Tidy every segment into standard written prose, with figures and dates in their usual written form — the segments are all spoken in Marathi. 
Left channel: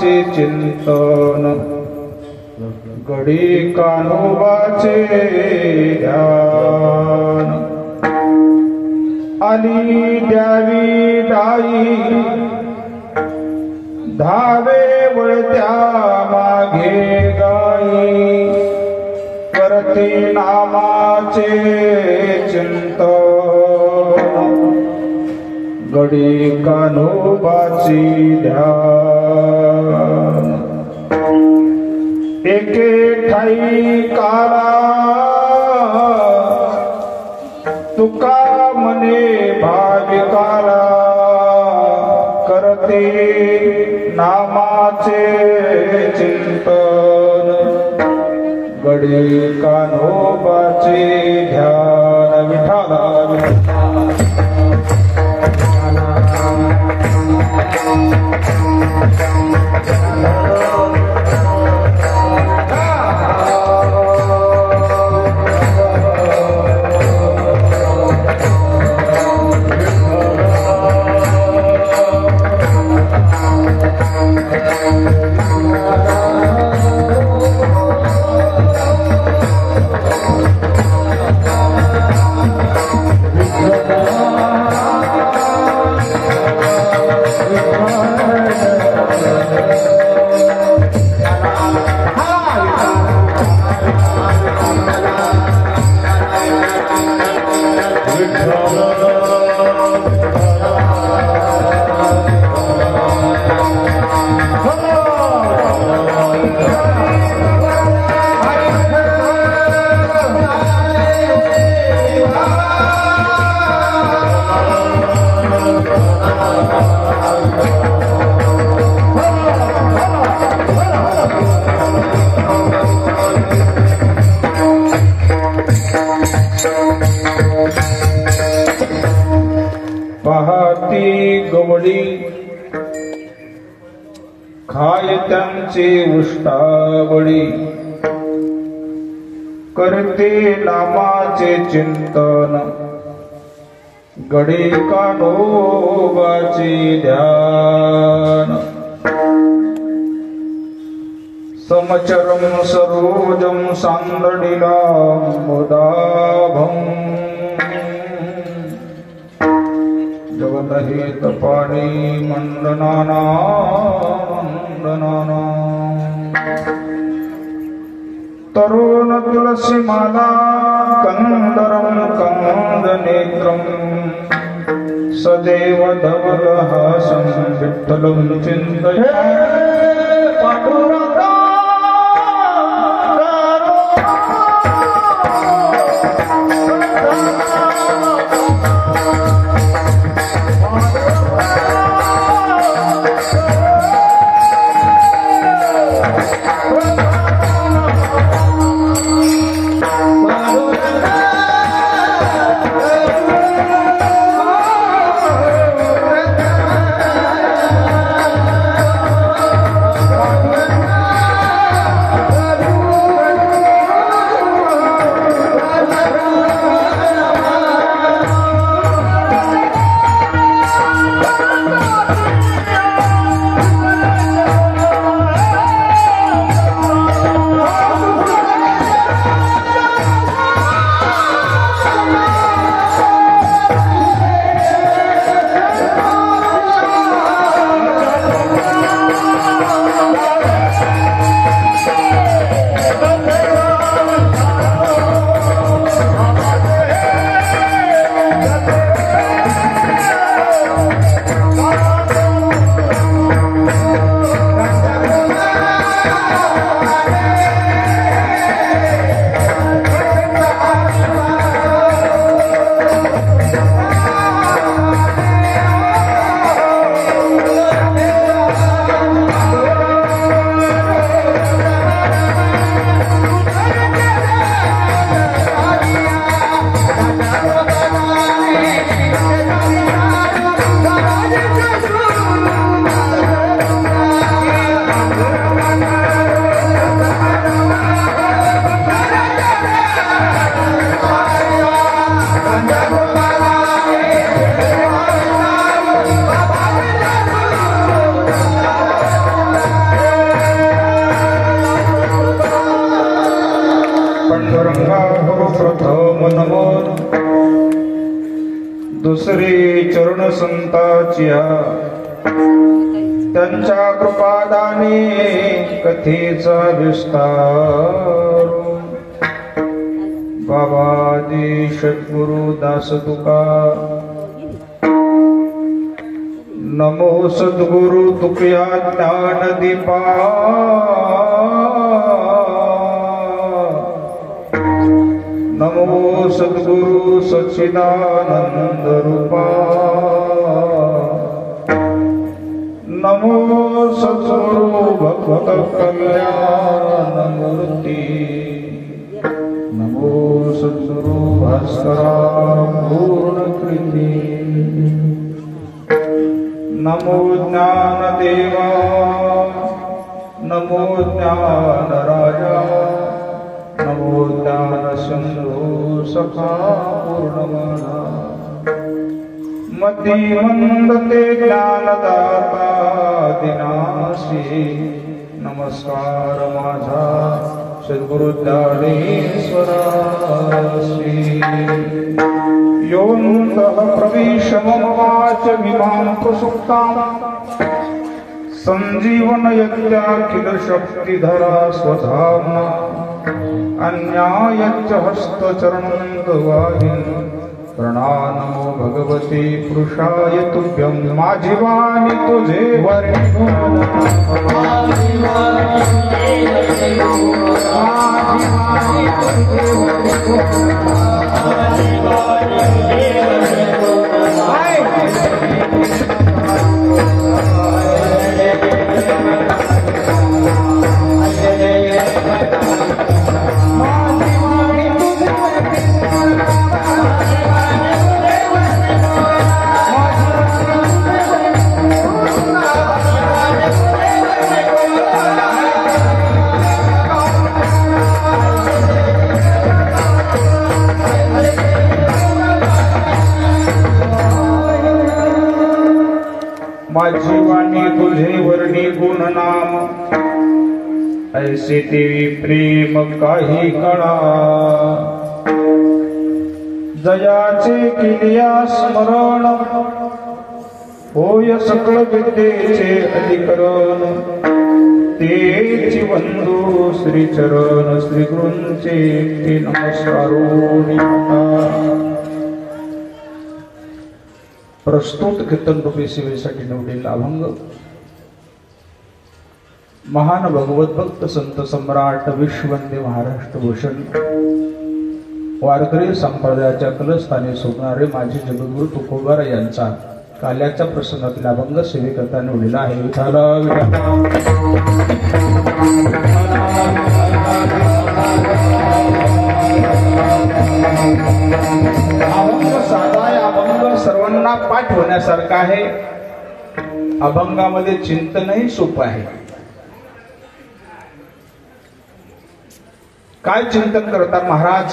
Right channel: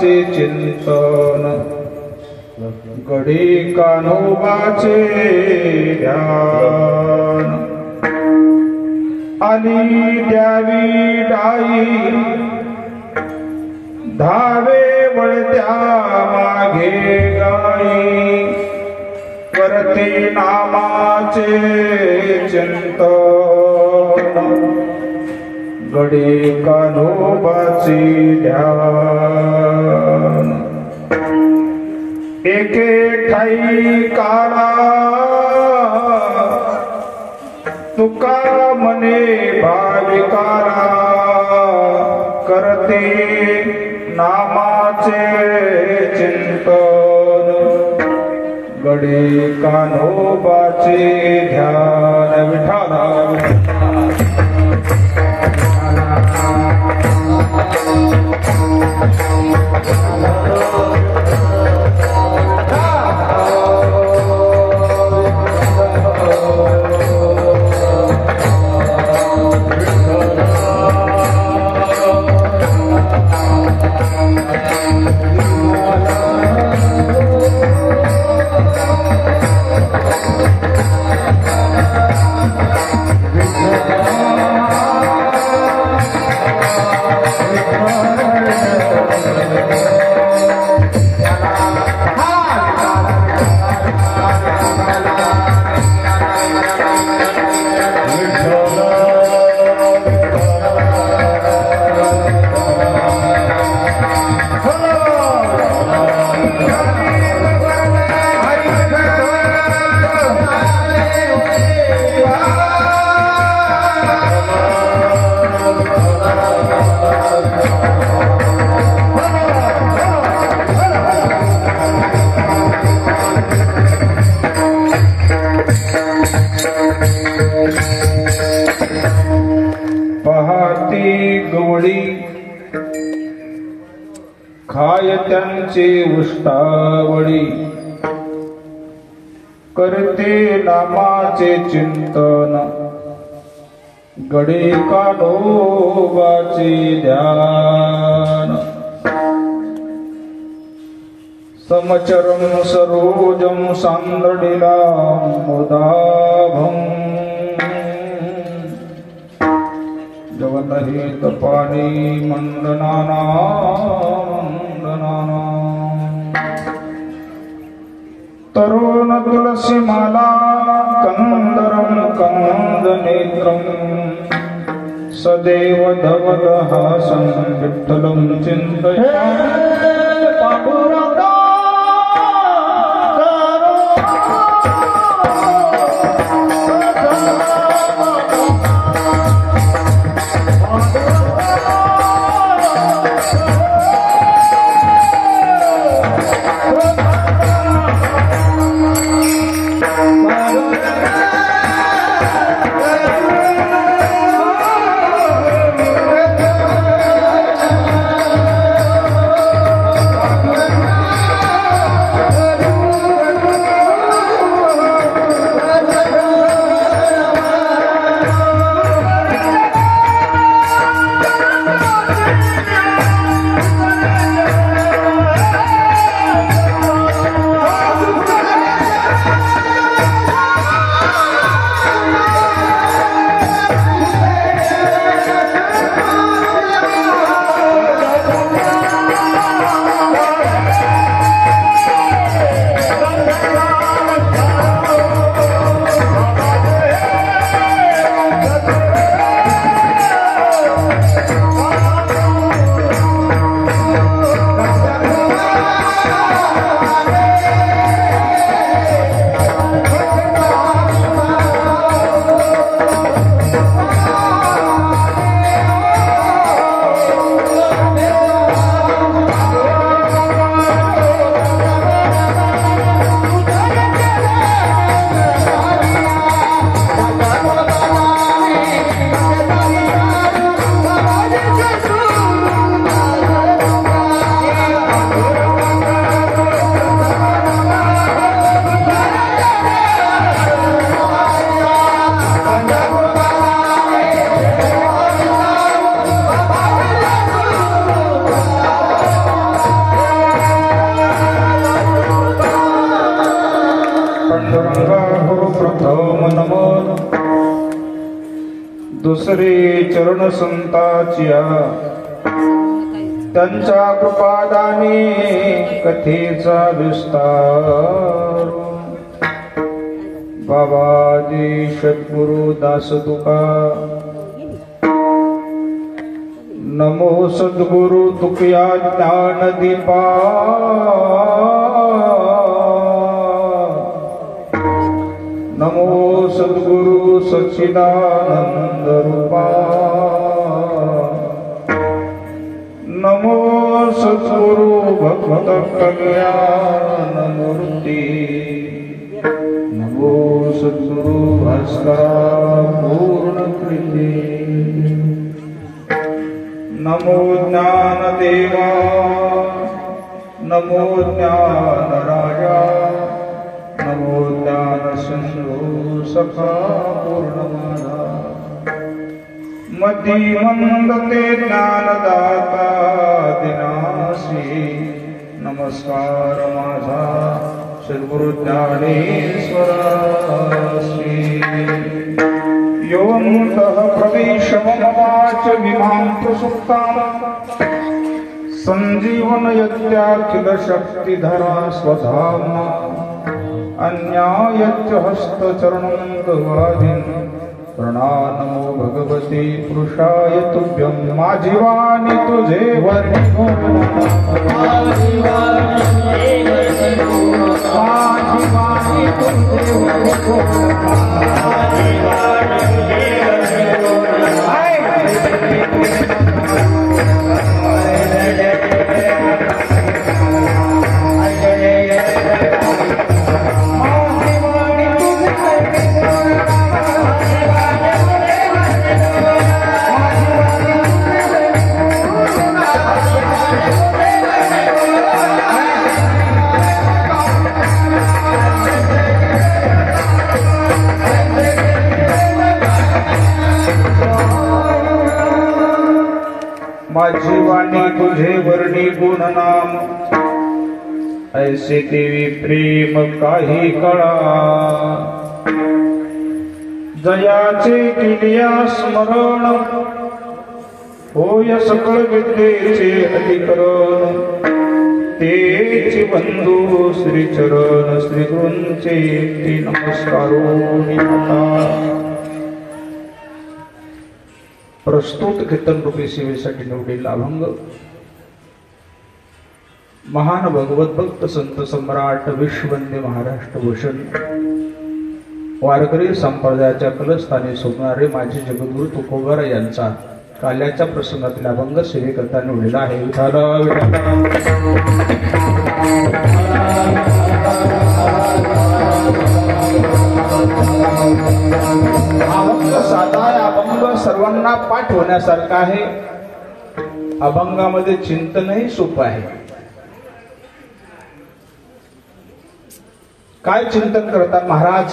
नामाचे चिंतन घडी कान्होबाचे ध्यान आली द्यावी डाई धावे वळत्या मागे गाई करते नामाचे चिंतन घडी कान्होबाचे ध्यान एके ठाई काला तुका मने भाविकाला करते नामाचे चिंतन घडी कान्होबाचे ध्यान विठाला पहाती गवळी खाय त्यांचे उष्टावळी करते नामाचे चिंतन घडी कान्होबाचे ध्यान समचरम सरोजम सांदडिला मुदाभं जगतहित पाणी मंदनाना मंदनाना तरुण तुलसी माला कंदरम कंद नेत्रम सदैव धवलहासं विठ्ठलं चिन्तयामि दुसरे चरण संताचिया त्यांच्या कृपादाने कथेचा विस्तार बाबाजी सद्गुरु दास तुका नमो सद्गुरु तुकया ज्ञान दीपा नमो सद्गुरु सच्चिदानंद रूपा नमो सद्गुरु भगवत कल्याण मूर्ति नमो सद्गुरु भास्करा पूर्ण कृति नमो ज्ञान देवा नमो ज्ञान राजा नमो ज्ञान सिंधु सखा पूर्णमाना मती मंदते ज्ञानदाता दिनासी नमस्कार माझा सद्गुरु ज्ञानेश्वरासी योऽन्तः प्रविशमवाच विमांत सुक्ताम् संजीवनयत्याखिल शक्तिधरा स्वधाम्ना अन्यायच्च हस्तचरणं गवाहिन् प्रणामो भगवते पुरुषाय तुभ्यं माझी वाणी तुझे वर्णो माझी वाणी तुझे वर्णो माझी वाणी तुझे वर्णी गुण नाम ऐसे देवी प्रेम काही कळा जयाचे किलिया स्मरण होय सकळ विद्येचे अधिकरण तेची बंधू श्री चरण श्री गुरूंचे ते नमस्कारो प्रस्तुत कीर्तन रूपी सेवेसाठी निवडलेला अभंग महान भगवत भक्त संत सम्राट विश्ववंदे महाराष्ट्र भूषण वारकरी संप्रदायाच्या कलस्थानी सोडणारे माजी जगद्गुरु तुकोबार यांचा काल्याच्या प्रसंगातील अभंग सेवेकरता निवडलेला आहे. अभंग साधा आहे. अभंग सर्वांना पाठ होण्यासारखा आहे. अभंगामध्ये चिंतनही सोपं आहे. काय चिंतन करतात महाराज?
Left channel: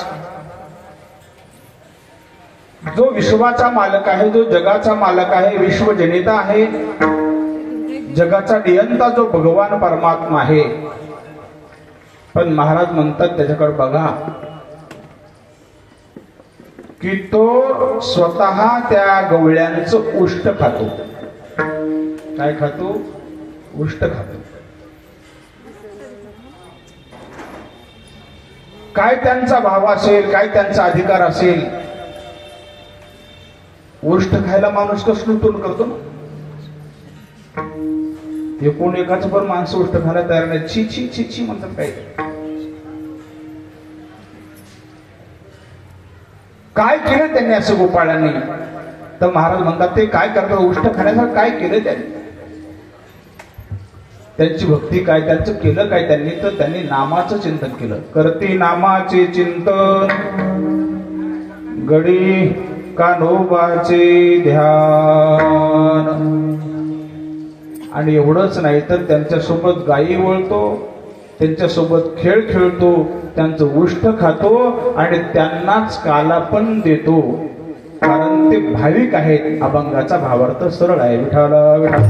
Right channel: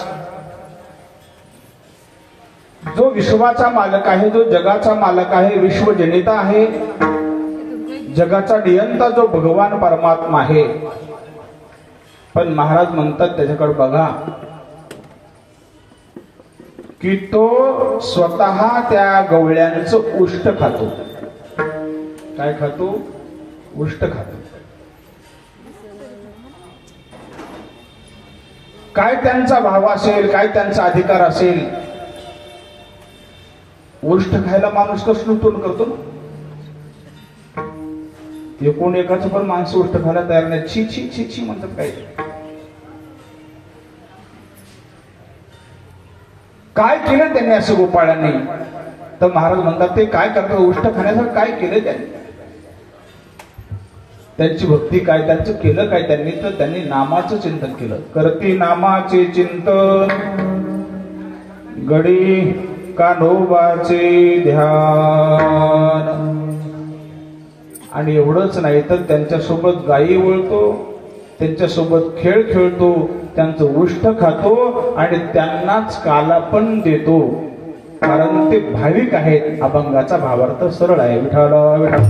जो विश्वाचा मालक आहे, जो जगाचा मालक आहे, विश्वजनिता आहे, जगाचा नियंता जो भगवान परमात्मा आहे. पण महाराज म्हणतात त्याच्याकडे बघा की तो स्वतः त्या गवळ्यांचं उष्ट खातो. काय खातो? उष्ट खातो. काय त्यांचा भाव असेल, काय त्यांचा अधिकार असेल? उष्ट खायला माणूस कसं नूतन करतो ना. एकूण एकाच पण माणसं उष्ट खायला तयार नाही. छी छी छी छी म्हणतात. काय केलं त्यांनी असं गोपाळांनी? तर महाराज म्हणतात ते काय करतात? उष्ट खाण्यासाठी काय केलं त्यांनी? त्यांची भक्ती काय, त्यांचं केलं काय त्यांनी? तर त्यांनी नामाचं चिंतन केलं. करती नामाचे चिंतन गडी कान्होबाचे ध्यान. आणि एवढंच नाही तर त्यांच्यासोबत गायी वळतो, त्यांच्यासोबत खेळ खेळतो, त्यांचं उष्ट खातो आणि त्यांनाच काला पण देतो. कारण ते भाविक आहेत. अभंगाचा भावार्थ सरळ आहे. विठाला विठा